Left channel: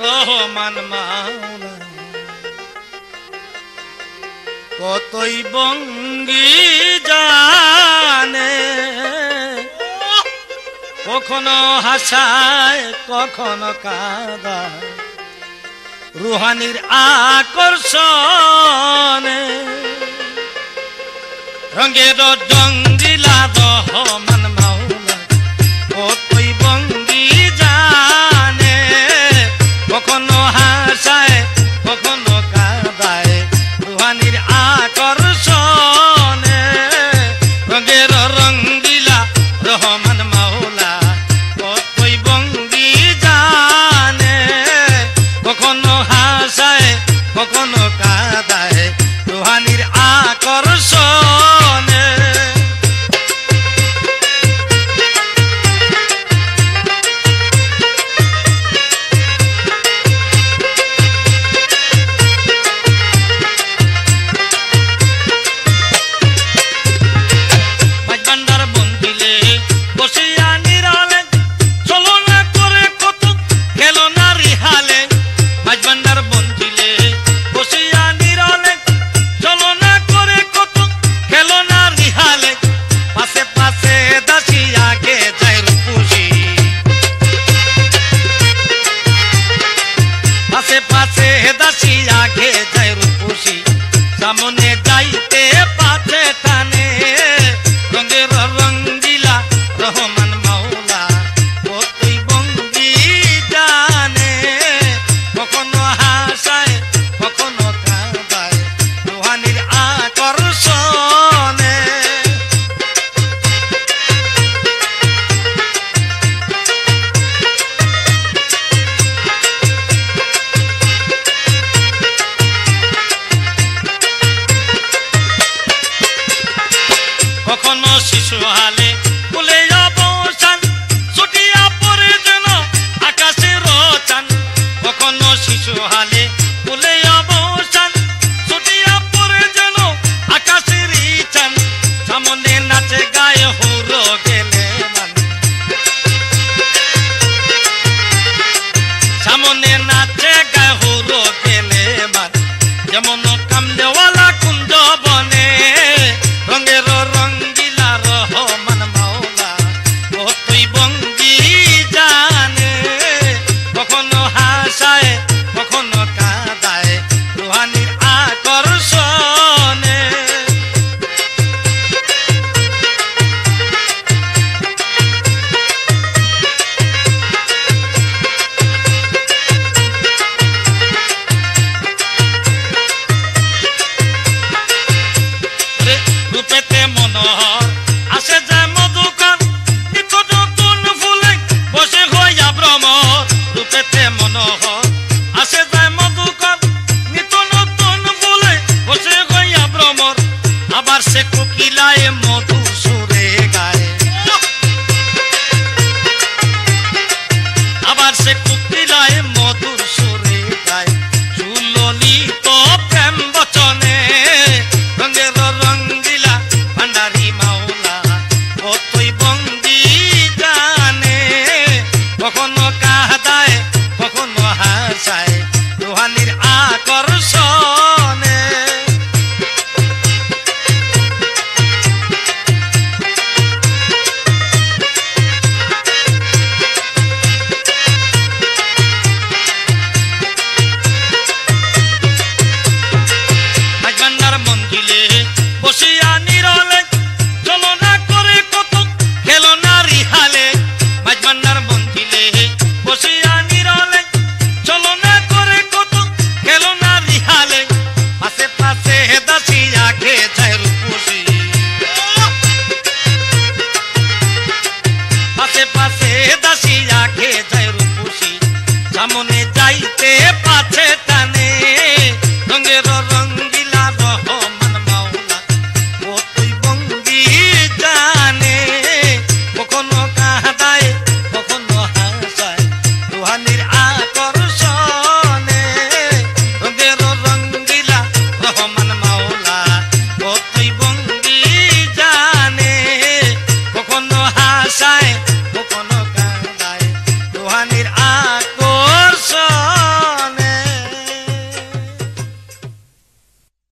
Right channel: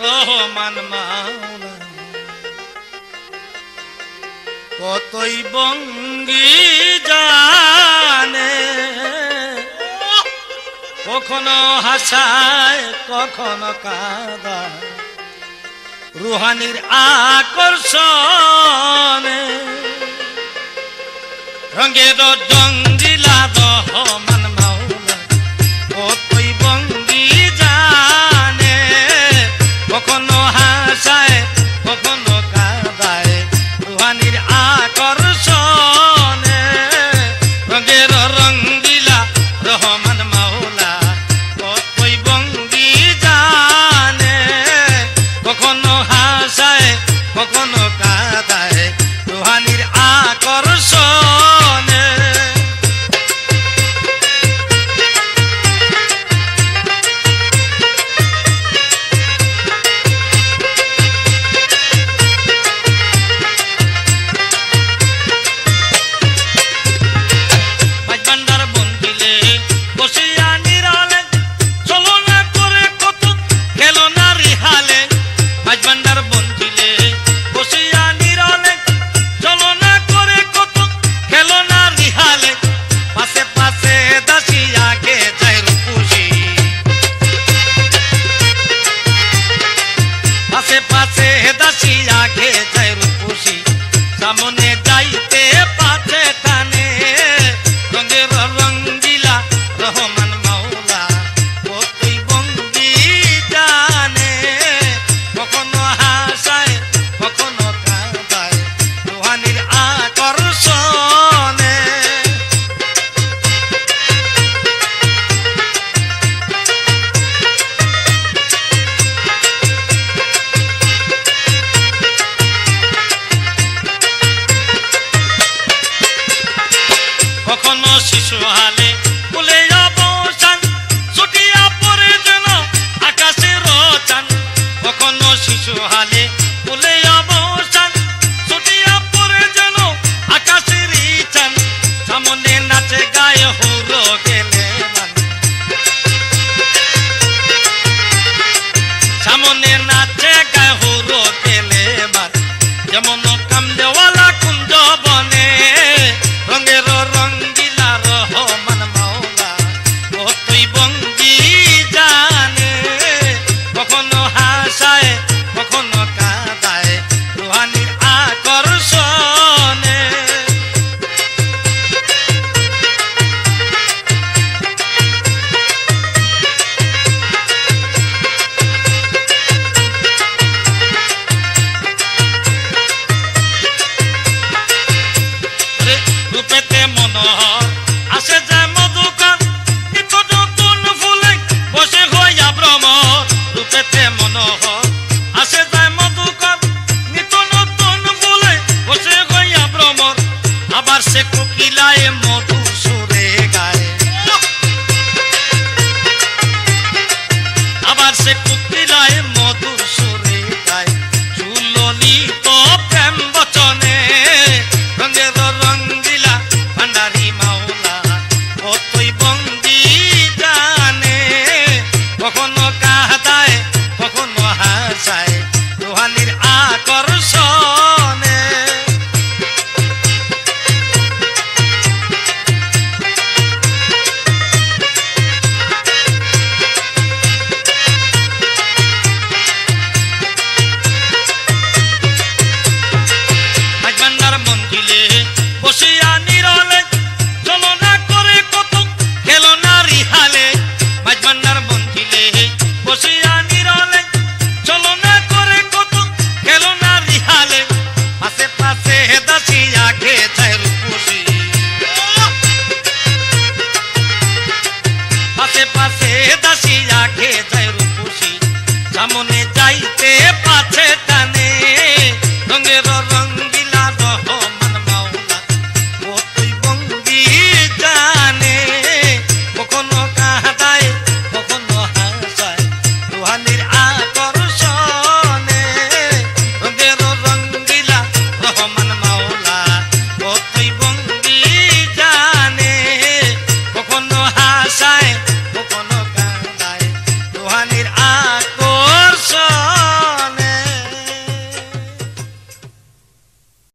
রহমান মাওলা। কতই বঙ্গি জানে কখনো হাসায় কখনো কাঁদায়। রুহানির আকর্ষণে রঙের জঙ্গিলা কখনো সামনে যাইতে কখনো ফুলে অবসান, ছুটিয়া পড়ে যেন আকাশে রচান কখনো শিশু হালে ফুলে অবসান, ছুটিয়া পড়ে যেন আকাশের চান সামনে নাচে গায়ে হুরো গেলে সামনে নাচে গায়ে হুরো গেলে যেমন কামদেওয়ালা কুঞ্জ মনোহর। বলে বসে আবার সে কোকিলায় মধু হাসায় রুহানির আকর্ষণে সামনে যাইতে পাছে টানে। রঙের রঙ্গিলা রহমান মাওলা ও তুই বঙ্গি জানে। কখনো কাঁদায়, কখনো হাসায়, রুহানির আকর্ষণে। রঙের রঙ্গিলা রহমান মাওলা ও তুই বঙ্গি জানে। কখনো হাসায়